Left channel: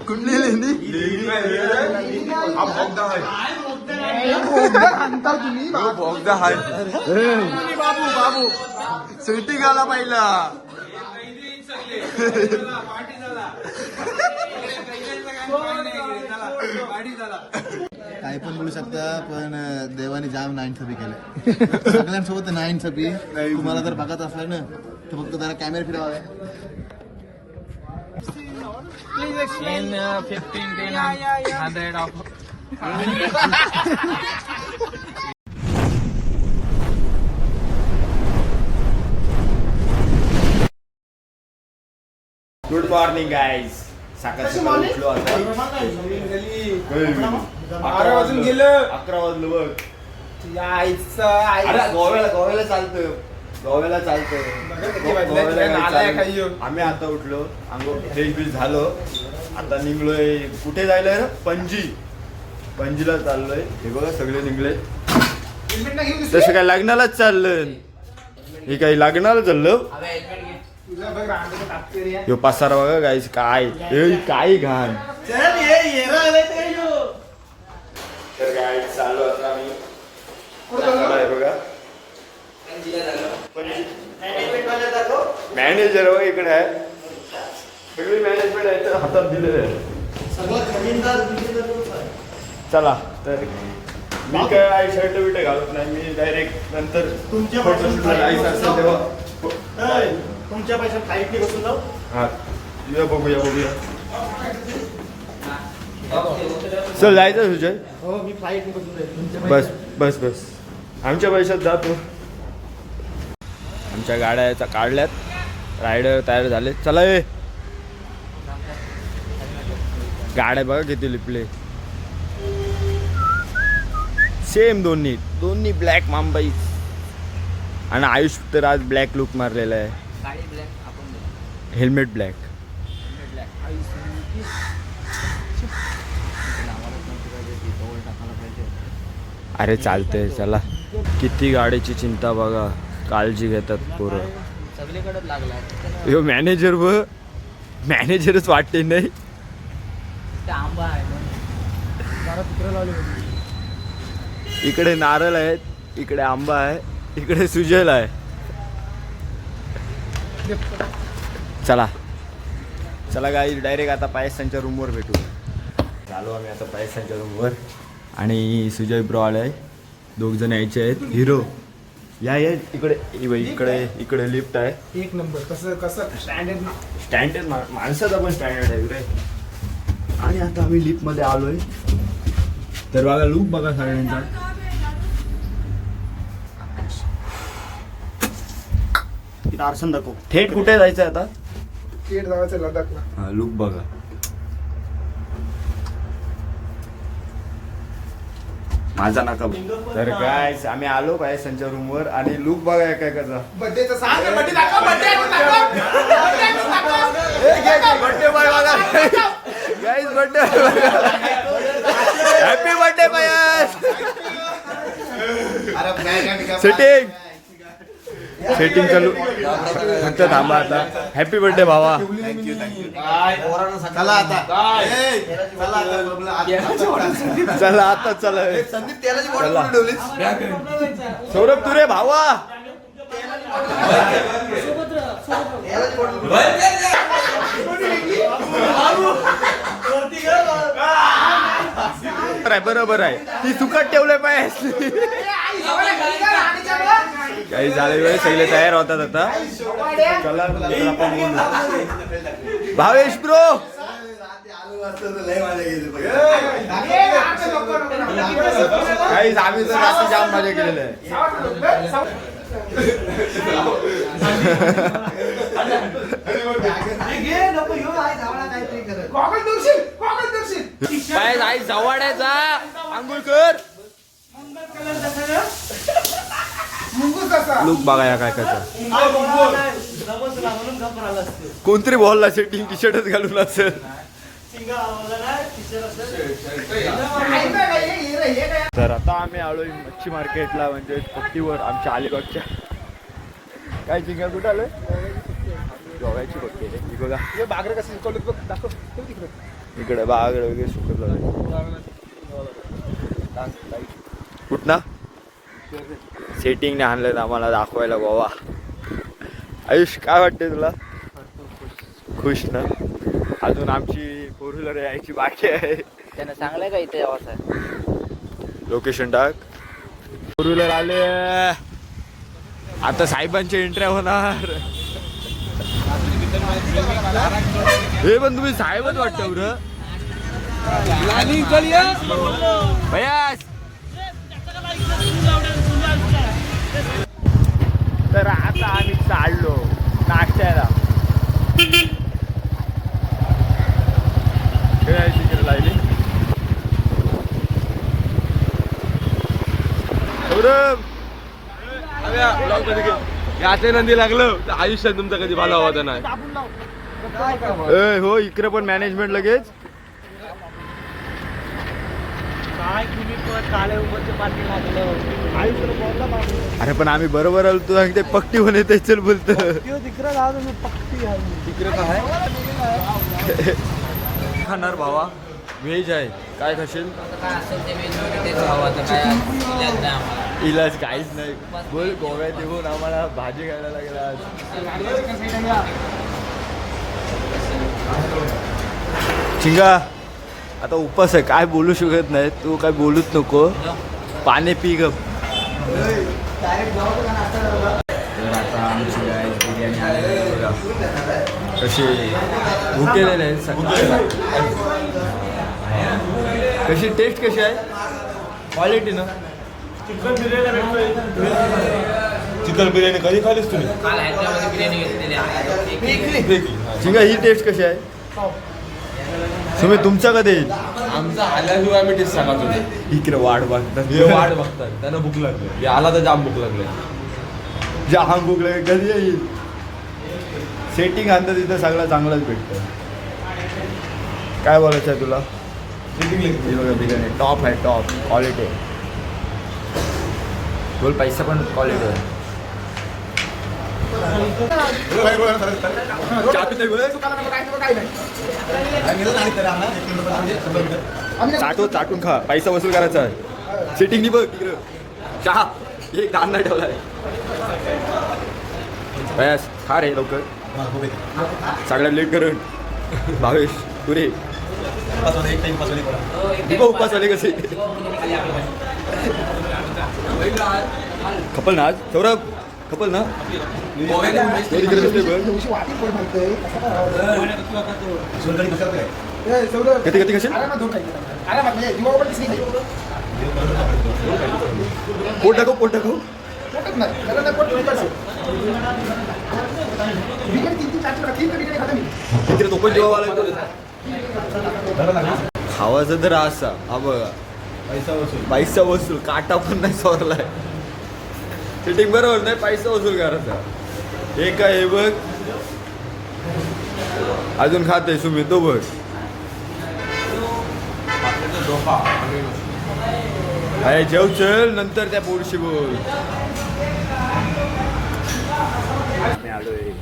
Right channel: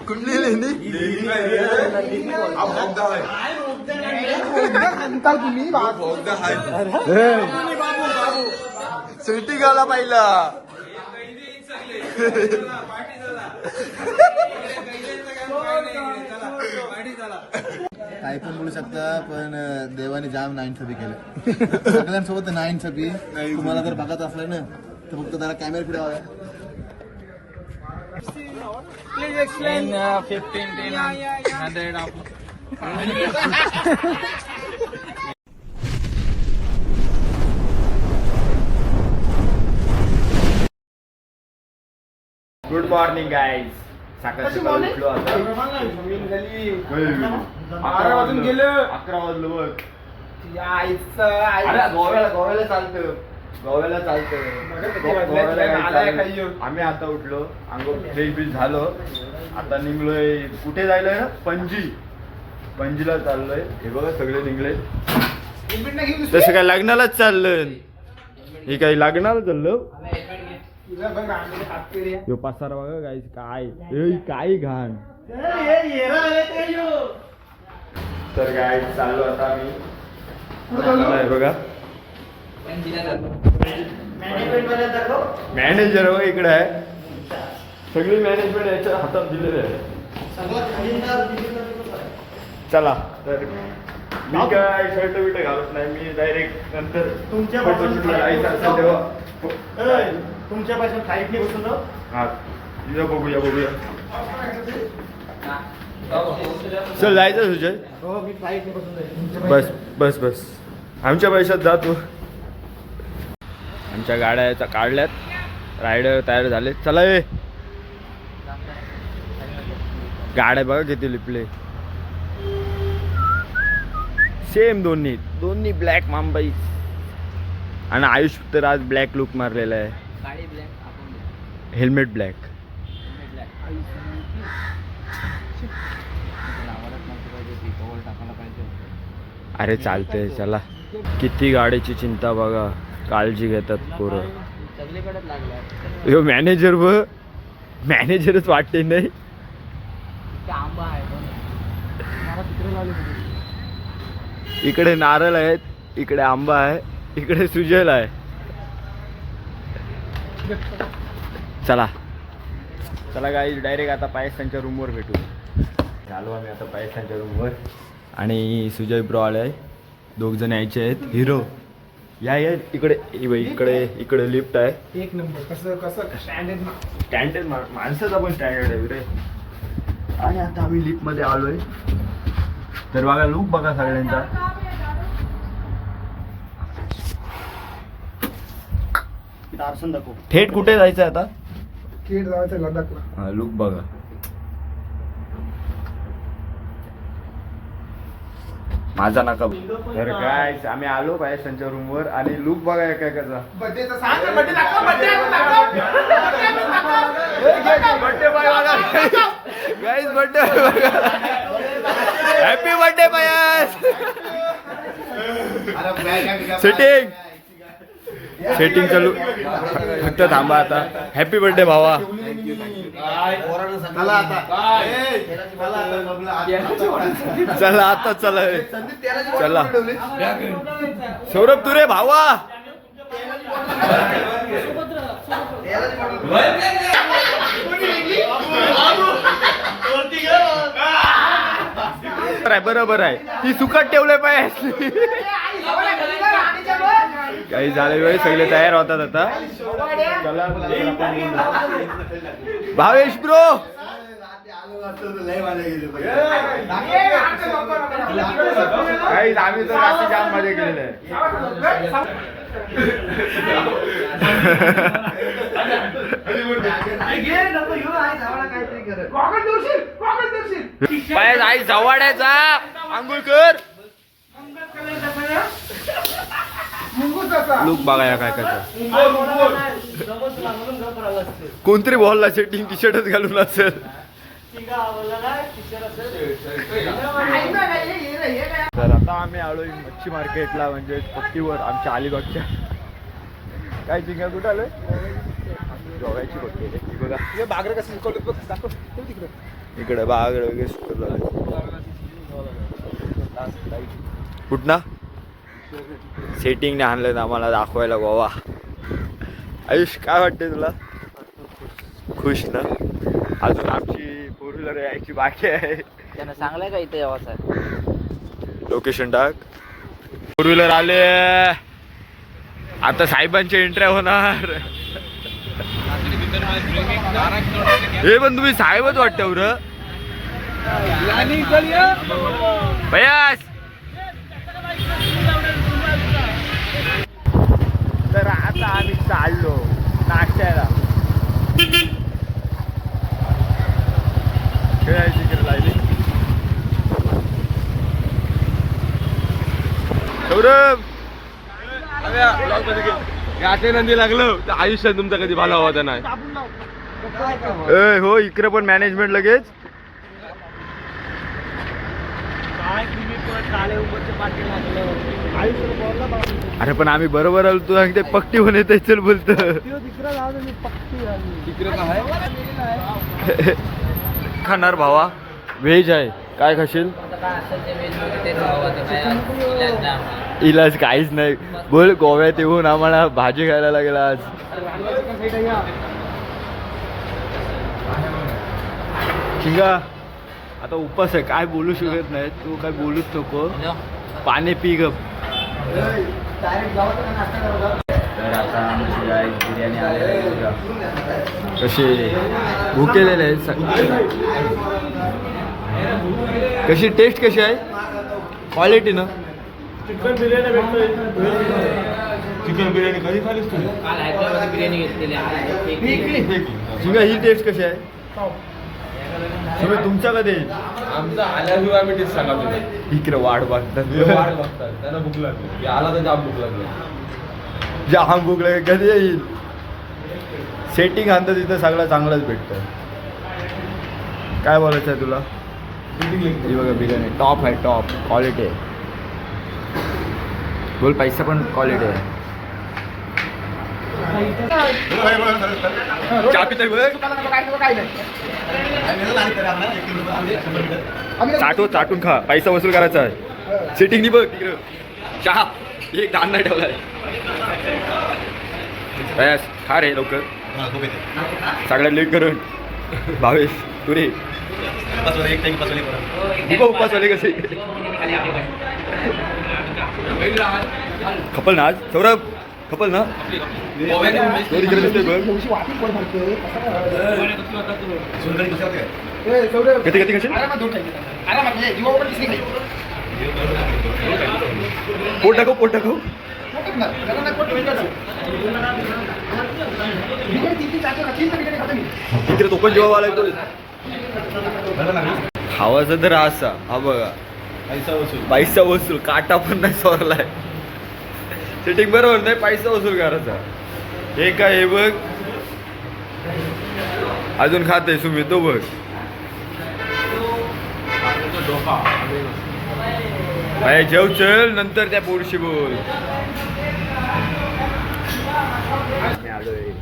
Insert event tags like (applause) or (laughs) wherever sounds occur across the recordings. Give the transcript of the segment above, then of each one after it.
कुठली लेणी सिटी गाला पाहिला काय पण बोलू शकता पण अं, देवाने जाम नाईन छपी केले सगळ्यांसोबत नाईन छपी तुम्हाला जर बघत असलं ना तर फक्त जरा कॅमेरा फिरवा. In uh, 15, 10, 100 of good morning guys सकाळ सकाळ उठलो आता. अकरा वाजून गेलं. अकरा वाजलं बघ. अरे गोव्याला गोव्याला चालतं गोव्याला चालतं गोव्याला काही चालतं. आम्ही आता उठलो. अंगो फ्रेश बीश झालो. आता निघलोय. कुठे जायला ना पणजी. पणजीला चाललोय. हे बघा सगळे निघले. तसं काय लग्नालाच चाललं हे काही लग्नाला चाललं? यो पसारा बघा काय? ए, काय घाण? तर गाय चाललो आता हे बघा. मॅनेजर हो इकडे आहे. सगळी मॅनेजमेंट याच्या हातात दिलेली आहे चला तर मी काय शर्ट बिर्ट घालत नाही मी डायरेक्ट नंतर फोटोशूटला जायचं असेल तेव्हा. तुमच्या पासून काही की बसून जाऊ हा या बघूया बघूया. चल जायचं सुजय हो मी फ्लाईट बसून बस बस बस. आमच्या पैशात जा तू. आमच्या गाड्या काढल्यात. रायडर तयार झाले. चला ये गाड्या बघा किती लिपले. सेम दोन्ही. दोन्ही ब्लॅक मुंबई आणि आयुष तर आज ब्लॅक लुक मारलेला आहे. हेल्मेट ब्लॅक अरे चालतंय चला. किती गाडीची चिंता बघा. काळजी घेतात पोरं. सगळीकडे यो मॅनेजर व मॅनेजरच वाटते नाही. आंबा इकडे नारळ आहेत इकडे आंबा आहे इकडे सुजल आहे. चला. चला गाई डायरेक्ट आता पायसांच्या रूमवर भेटू. चालू आम्ही आता पायसांच्या रूमवर आणि सुजय ब्रो आहे. दोघ जण यायचे आहेत. हिरो. या या इकडे बाई, इकडे इकडे लिफ्ट आहे. एक नंबर कसं कसं स्टँडर्ड स्टँडर्ड माणसाचा पण स्टँडर्ड आहे कुठे? आणि आता आम्ही लिफ्टमध्ये आलोय. तर बघा लुक बघा सगळ्यांचा. आरसन दाखव. थेट कुठे जायचं आता? केट जायचं लडाखला हा लुक बघा. माझा नका बघू. तर काय आम्ही आलो पायसांच्या रूमवर आणि लुक बघा काय कसा boy guys birthday happy birthday पायस सेटिंग सेटिंग चालू. फक्त थांबा आता. हॅपी बर्थडे भावा. चला आता चला. चला. सौरभ सौरभ तुरे भावा. बरोबर आहे बरोबर ती सुखात ठेवले पाहिजे काही झाले वेळ सगळे तयार होतात आता. चला नंतर आपण बोलू. भावेश ब्रो! काही आम्ही तर रात्री जाम मजा केलेलं आहे. पाय आई जा. आंघोळ कर. लुक बघा या काय कसा. कोणतरी बॉलला सेटिंग टी शर्टच घालून असेल. तर आता आम्ही आलोय मच्छी मार्केटला म्हणजे पट्टीवर आमच्या अलिबागच्या. काय चिंगा कुठं आलोय? गोव्याची बघते रे ही बघा. इकडे बागड वगैरे सुकत कुठना सेटिंगने आणलं आम्हाला दाखवायला गोवा आयुष काय वाटते तुला? खुश ना? अजून आमची फोर व्हीलर यायची बाकी आहे. त्यानं सांगलंय का इथे यावं लोकेशन टाक. फोर व्हीलर आले. आता साहेबांची एंट्री होणार. हे पण तुम्ही साहेबच वाटतं बरं भैया आता आम्ही चाललो नाश्त्याला. खेळायची सौरभ! नंदी लागलं. तर आयुष्यात तुमचा कधी भाला हवा नाही हो इकडे पण मॅनेजमेंट लगेच. अरे पण आम्ही बरोबर आलो तू सांगते पक्टी पण येते चल बोलत. खाणार भावा. व्हेज आहे. काय खाशील? ते इलाज काहीच नाही. बोल गोव्यात येऊन आम्हाला भाजी खायला लागेल आज. चिंगा आता उपास आहे. काय बोलू शकत नाही. तू काय बोलूच नको. पाणी पी गप. तर आता आमची बिर्याणी आलेली आहे. कशी? भुकेलेले आहेत सकाळी. कशी? टेस्ट कशी आहे? क्वालिटी ना? चिकन बिर्याणी कधी खालीस तुम्ही? बिर्याणी चिंगा ही टेस्ट कशी आहे? तुम्ही तुमचा कधी? येईल आमचा आल्याशिवाय आम्ही टेस्ट सांगा तुझे इकडे वाट बघतात. वाट बघतात. त्याला भूक लागली. आला तर जाम भूक लागली. जाम भूक लागेल. कधी येईल? सेटिंग आणतं तिथं सगळं चांगलंच भेटतं. काय बोलायचं आहे तुला? ही बघा बिर्याणी. टॉप आहे टॉप क्वालिटी आहे. बोल पैसा पण क्वालिटी आहे. चाटो चाटून खा. पैसा वसूल करायचा आहे. सिटिंग नाही बघ तिकडं. चहा. एक दान नाही ठेवलाय बस खा रे लवकर. सगळ्यात लेट करून. भावेश तू रे. उपास वाले कसे? खपल ना आज? सौरभ खपल ना? तो तिकडे कशी पोट टाकू पोट टाकू तिकडे तो पण जेव्हा आला तो खावाचा तर असा हा बघा. पैसा वसूल. काटा पण नाही सोरलाय. सेटिंग बरोबर नाही पैसा वसूल करायचा. हे काय हे बघ अजून खाते सुमित तो बघ. अरे जेव चल नंतर त्या पोरशी बोल. मी आलोय.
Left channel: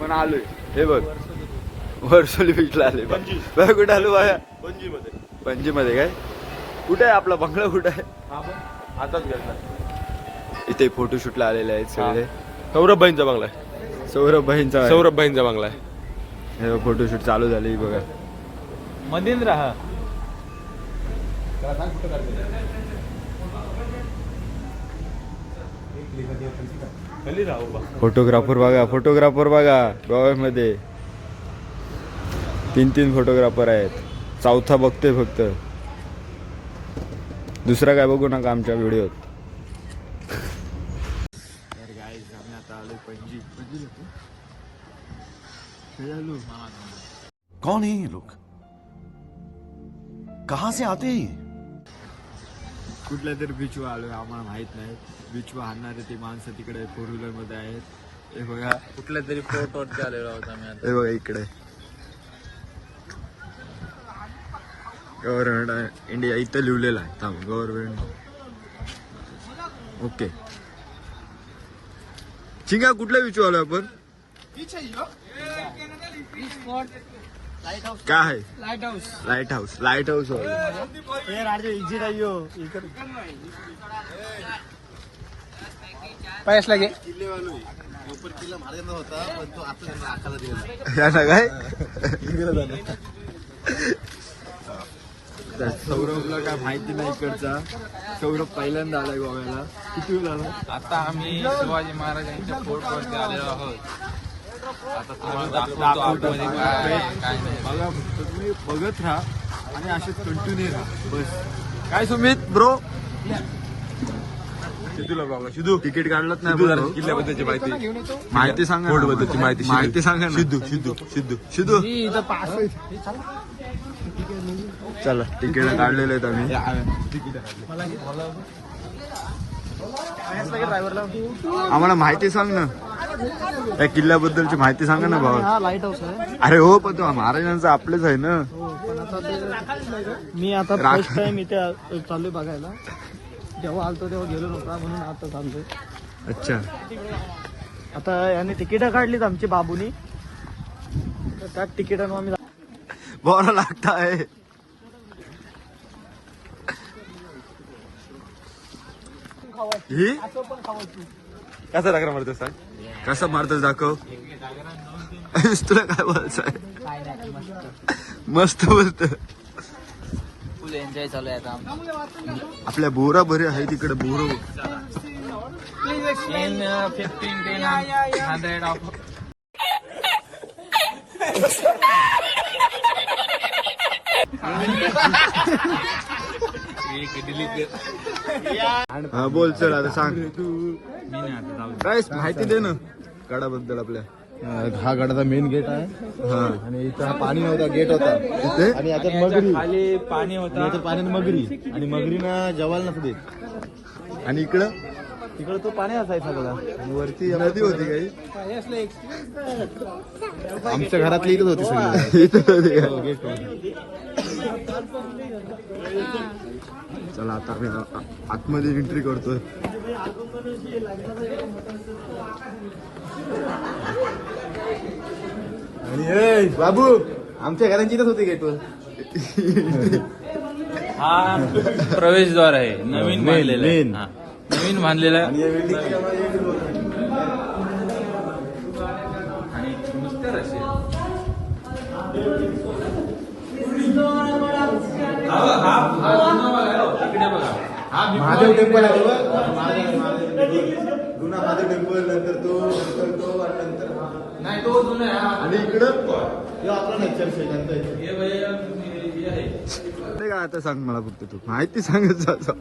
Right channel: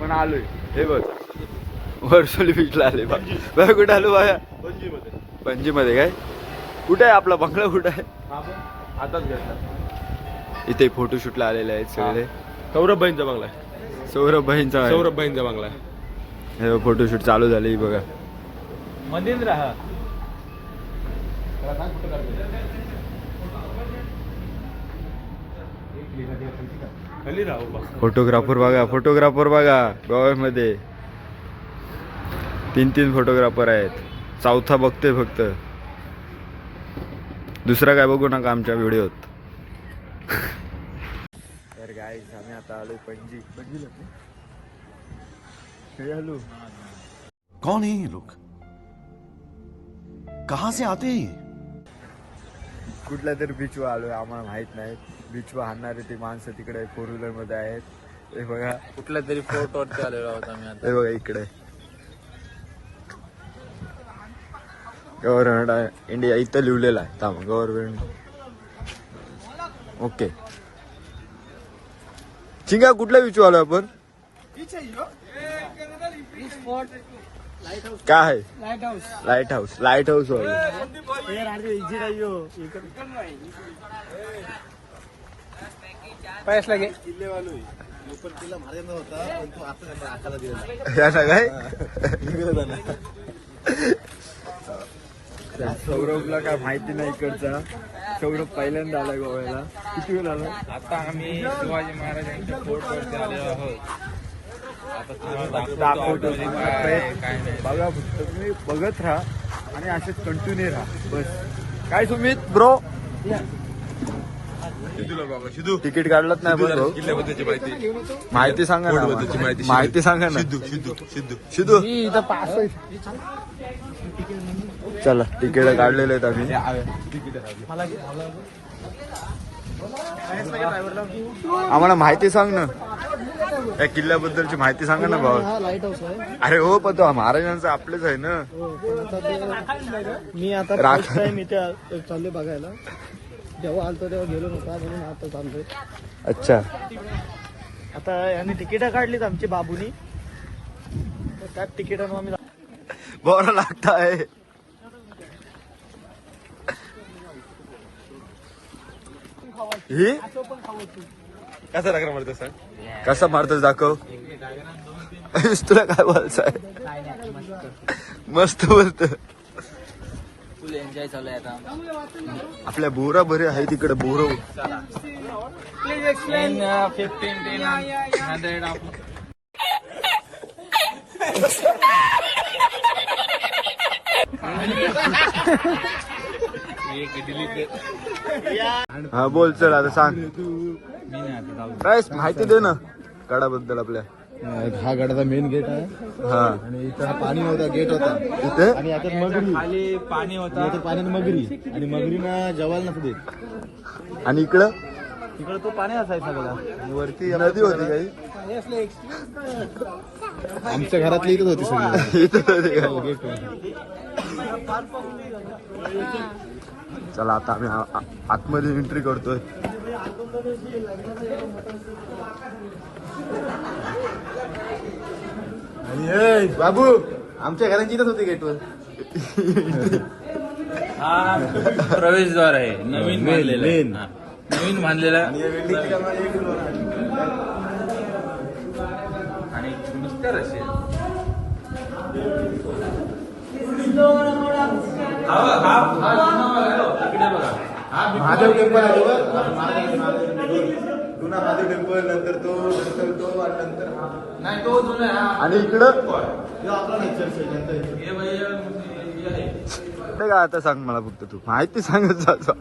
पण आलोय. हे बघ. वर्सोली बीचला आले बघ. कुठं आलो बाया? पणजी मध्ये काय? कुठे आहे आपला बंगला? कुठं आहे? आताच घ्यायचा इथे फोटोशूटला आलेले आहेत सगळे. सौरभ भाईंचा बंगला आहे. सौरभ भाईंचा सौरभ भाईंचा बंगला आहे. हे फोटोशूट चालू झाले बघा. मध्येंद्र हा. खाली राहू बा फोटोग्राफर बघा फोटोग्राफर बघा गोव्यामध्ये. तीन तीन फोटोग्राफर आहेत. चौथा बघते फक्त. दुसरा काय बघू नका आमच्या व्हिडिओत तर काय आम्ही आता आलोय पणजी. पणजी आलो. कौन है ये लोग? कहां से आते हैं ये? कुठल्या तरी बीचवर आलोय आम्हाला माहीत नाही. बीचवर हाणणारे ते माणसं तिकडे फोर व्हीलरमध्ये आहेत. हे बघा. कुठल्या तरी फोटोवरती आलेलो होता मी हे बघा इकडे. गव्हर्नमेंट इंडिया इथं लिहिलेलं आहे. थांब गव्हर्नमेंट. ओके. चिंगा कुठल्या बीच आलो आपण? काय आहे lighthouse lighthouse lighthouse वाले. पैस लगे. होता पण तो आता त्यांना काय सौरभला काय माहिती नाही इकडचा. सौरभ पहिल्यांदा आलाय गोव्याला. किती वेळ आलाय आता आम्ही शिवाजी महाराजांच्या फोर्टवरती आलेलो आहोत. आता तुम्हाला दाखवतो दाखवतो. काय काय नाही. बघा फक्त तुम्ही बघत राहा आणि असेच कंटिन्यू राहा. बस. काय सुमित ब्रो तिकीट काढलंच नाही भाऊ. माहिती. सांगा ना माहिती. सांगा ना सिद्धू सिद्धू इथं पास चला तिकीट काढलेले आहेत आम्ही. आम्हाला माहिती सांग ना. या किल्ल्याबद्दलची माहिती सांगा ना भाऊ हा लाइट हाऊस आहे. अरे हो पण तो महाराजांचं आपलेच आहे ना. हो पण आता ते मी आता राख- फर्स्ट टाइम इथे चाललोय बघायला. जेव्हा आलतो तेव्हा गेलो नव्हता म्हणून आता चाललोय. अच्छा. आता यांनी तिकीट काढलीत आमची बाबूनी. तर त्या तिकिटानं आम्ही बरं लागताय ही। कसं लागणार म्हणतो सांग? कसा मारतोस दाखव. (laughs) तुला काय बोलायचं मस्त मस्त. फुल एन्जॉय चालू आहे आता आपल्या बोरा. बरे आहे तिकडे बोर हंड्रेड हा बोल चल आता सांग. मी नाही आता जाऊ काय माहिती दे ना गडाबद्दल आपल्या. हा गडाचा मेन गेट आहे. हा. आणि इथं हा पाणी नव्हता गेट होता. तिथे आणि याच्यात मगरी. खाली पाणी होता. पाण्यात मगरी. आणि मगरीना जेवायला नसू देत. आणि इकडं? तिकडे तो पाणी असायचा सगळा. वरती नदी होती काही? आमच्या घरातली इथंच होती सगळी. (laughs) इथं होती हो, चला आता आम्ही आ- आ- आतमध्ये एंट्री करतोय. बाबू आमच्या घरांची इथंच होती गेटवर हा प्रवेशद्वार आहे नवीन बांधलेला आहे. main. हा. नवीन बांधलेला. आणि हा, हा, हा हो. हा महादेव टेम्पल आहे? जुना महादेव टेम्पल नंतर तो नंतर तो आणि नंतर हा. हा. इकडं. हे हे काय आता सांग मला फक्त तू माहिती सांगत जातो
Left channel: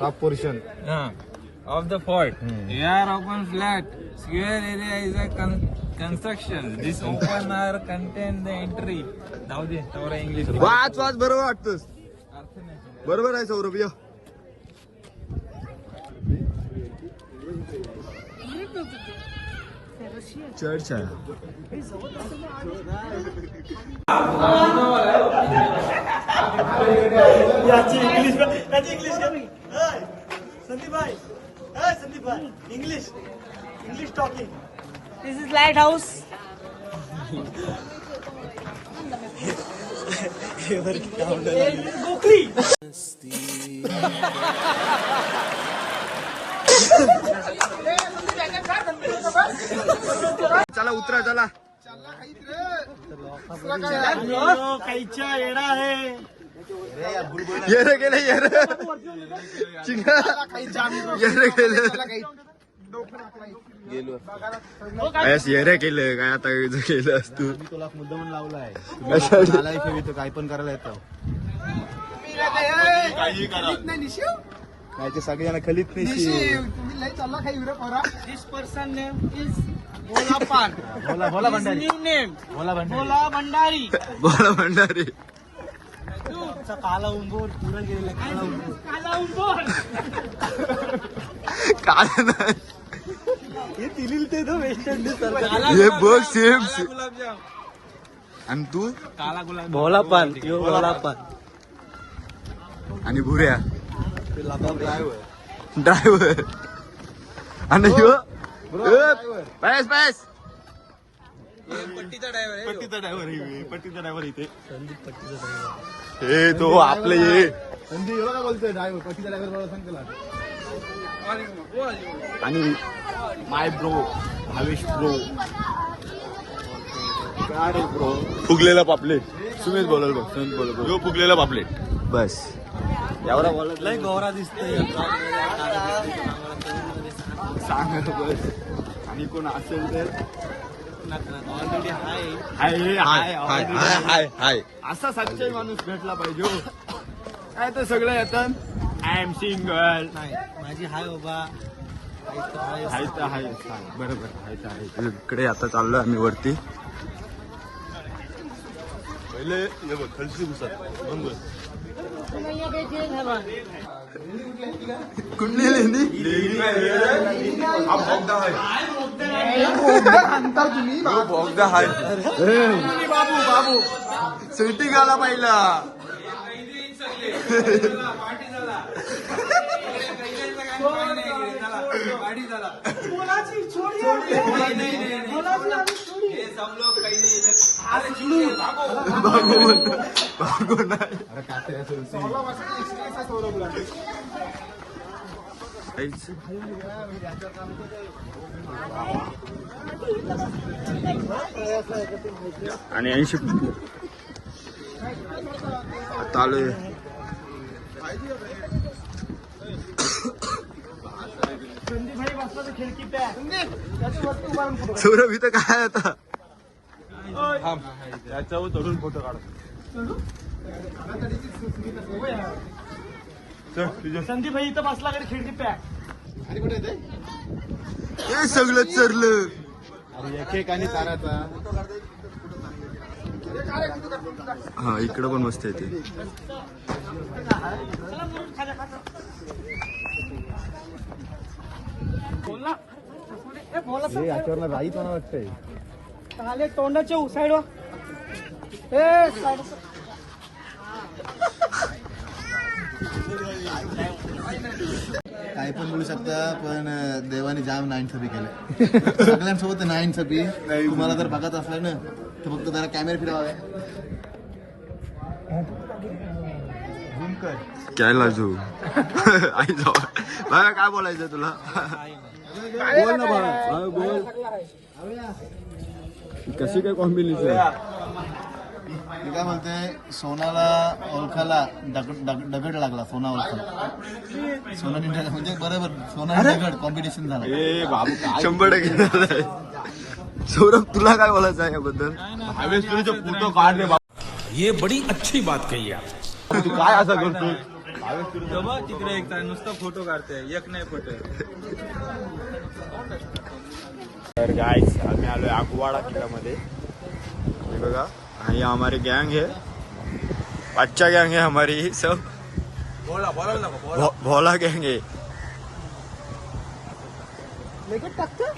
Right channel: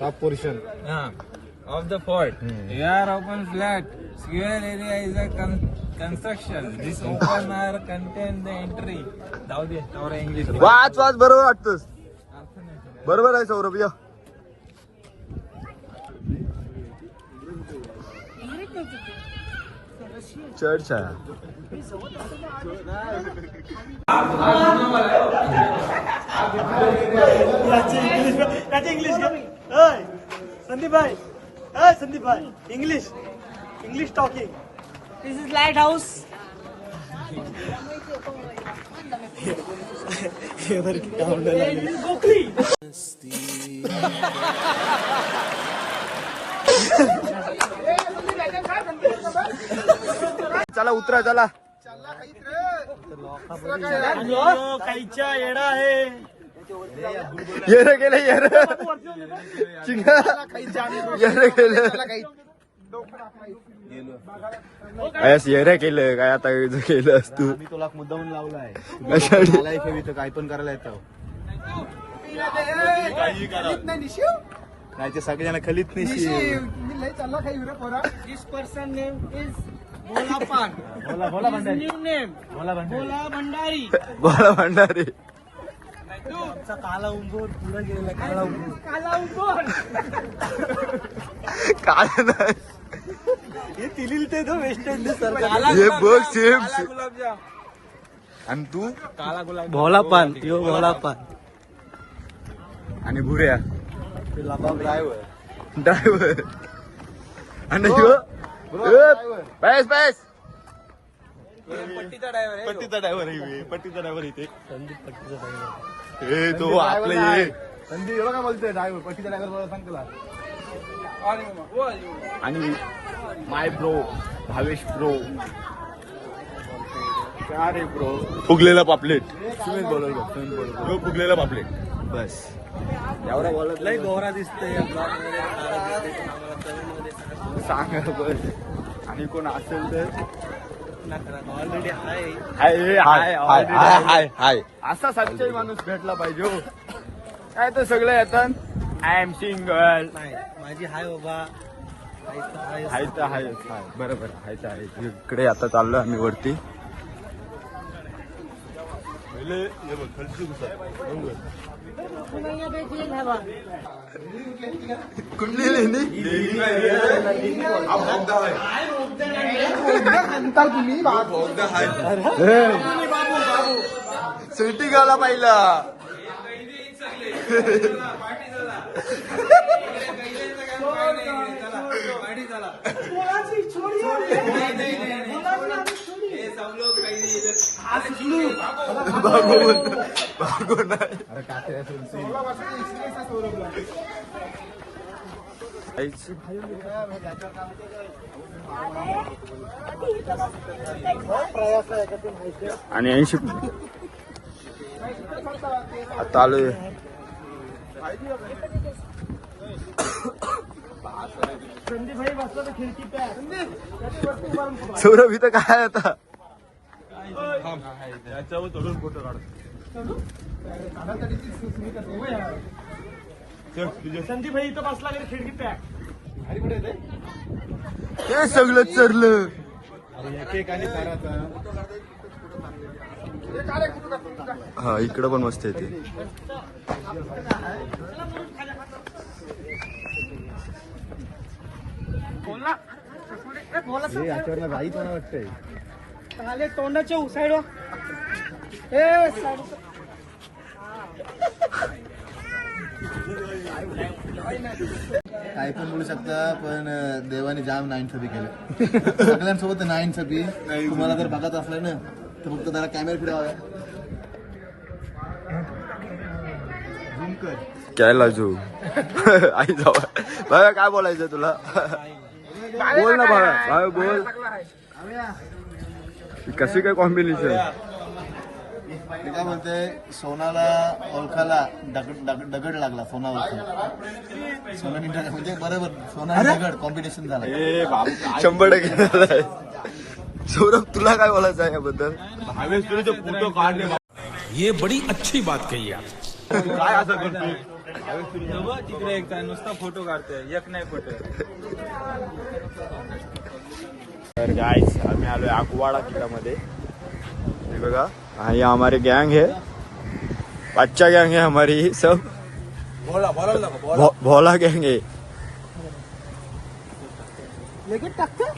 हा portion the fort. Here open flat. Square area is a con- construction. This open air contain the entry. जाऊ दे तेवढं इंग्लिश वाच वाच बरोबर वाटतोस बरोबर आहे सौरभ या चर्च आहे. संदीप भाई संदीप भाई English English talking this is lighthouse चला उतरा चला. काहीच्या येडा आहे. येणं गेलं येणं येणं गेलं. कायस येऱ्या केलं. काय आता केलं असतो मी तुला मुद्दामून लावला आहे. इथं? काय पण करायला येतं. नाही ते सगळेजण खलीत नाही. This person name is Bhola Bhandari. बोला भंडारी. काला उंबोर पुढे गेलेला काला उंबोर काला उंबोर नाही. हे हे बघ सेम आणि तू? काला गुलाब भोला पान आणि भुऱ्या ड्रायव्हर ड्रायव्हर आणि ह्यो? पैस पैस पट्टीचा ड्रायव्हर आहे पट्टीचा ड्रायव्हर इथे. हे तो आपले हे. हे बघा बोलतोय ड्रायव्हर पतीचा ड्रायव्हर सांग तुला आणि माय ब्रो भावेश ब्रो काय रे ब्रो फुगलेलं पापलेट. सुमित बोलल बघ सुमित बोलल बघ. फुगलेलं पापलेट. बस. एवढा बोलत नाही गोरा दिसतोय सांग बस. आणि कोण असेल तर? ऑलरेडी हाय हाय हाय हाय already हाय. हाय हाय असा सच्चाई माणूस भेटला पाहिजे हो. काय तर सगळे येतात. आय एम सिंगल नाही माझी हाय बाबा. हाय तर हाय. हाय हाय हाय. बरोबर हाय तर आहे इकडे आता चाललो आम्ही वरती. कुठली लेणी सिटी गाला पाहिला बाबू बोलतो बाबू आणि ऐंशी आता आलोय सौरभ इथं काय आता? संदीप भाई इथं बसला खिडकी पॅक आणि कुठे येते सगळं चरलं अरे हा इकडं पण मस्त येते बोलला बोला हे याच्यावर राईत मला वाटतंय. आले तोंडाच्या साईड ए side वर. काय पण बोलू शकता पण देवाने जाम नाईन छबी केले. सगळ्यांसोबत नाईन छबी तुम्हाला जर बघत असलं ना तर फक्त जरा कॅमेरा फिरवा. झूम कर (laughs) काय लाजू? आई जाऊ काय बोलायचं तुला? बोल ना बाळा, बोल. कशी काय कॉम्बिनेशन काय म्हणते सोनाला ओळखाला दगड लागला सोना ओळखा सोना निघाला म्हणजे बरोबर सोना दगड कॉम्पिटिशन झालं. शंभर टक्के सौरभ तुला काय बोलायचं आहे याबद्दल? हायवे फ़ोटो काढले ये बड़ी अच्छी बात कही आप। काय असं करतोय? तिकडे एक नुसता फ़ोटो काढतोय एक नाही फ़ोटो. तर गाइस आम्ही आलोय आगवाडा किल्ल्यामध्ये. बघा हाँ ये हमारी गैंग है. अच्छा गैंग है हमारी सब. भो- भोला गैंग है.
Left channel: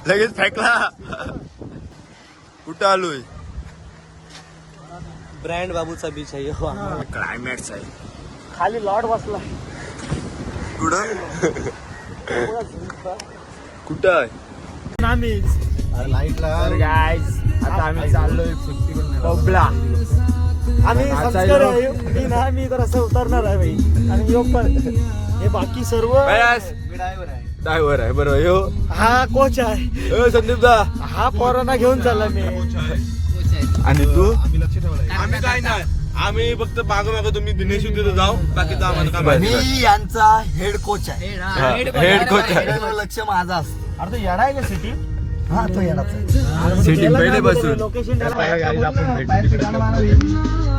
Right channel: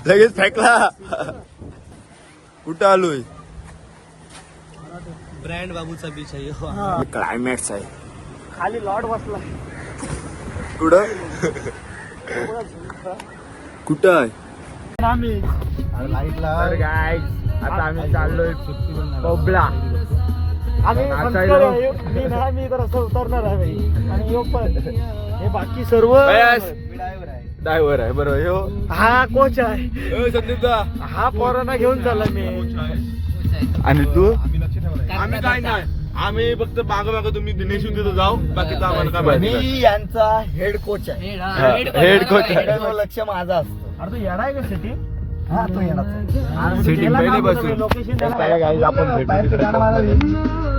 लगेच फेकला. कुठं आलोय? ब्रँड बाबूचा बीच आहे. क्लायमॅक्स आहे. खाली लॉड बसला. कुठं? (laughs) कुठं अरे लाईटला. तर गाईज आता आम्ही चाललोय बबला. आम्ही. संस्कार आहे. मी ना मी तर असं उतरणार आहे भाई आणि योग पण. हे बाकी सर्व ड्रायव्हर आहे. बरोबर. यो. हा कोच आहे. संदीप दा. हा पोरांना घेऊन चालला मी. आणि तू? आम्ही काय नाही. आम्ही फक्त माग माग तुम्ही दिनेश तिथे जाऊ. बाकीचं आम्हाला काय माहिती यांचा हेड कोच आहे. हेड कोच आहे. लक्ष माझा असतो. अरे तो येणार आहे का सिटी हा तो येणार पहिले बसून. आपण भेटू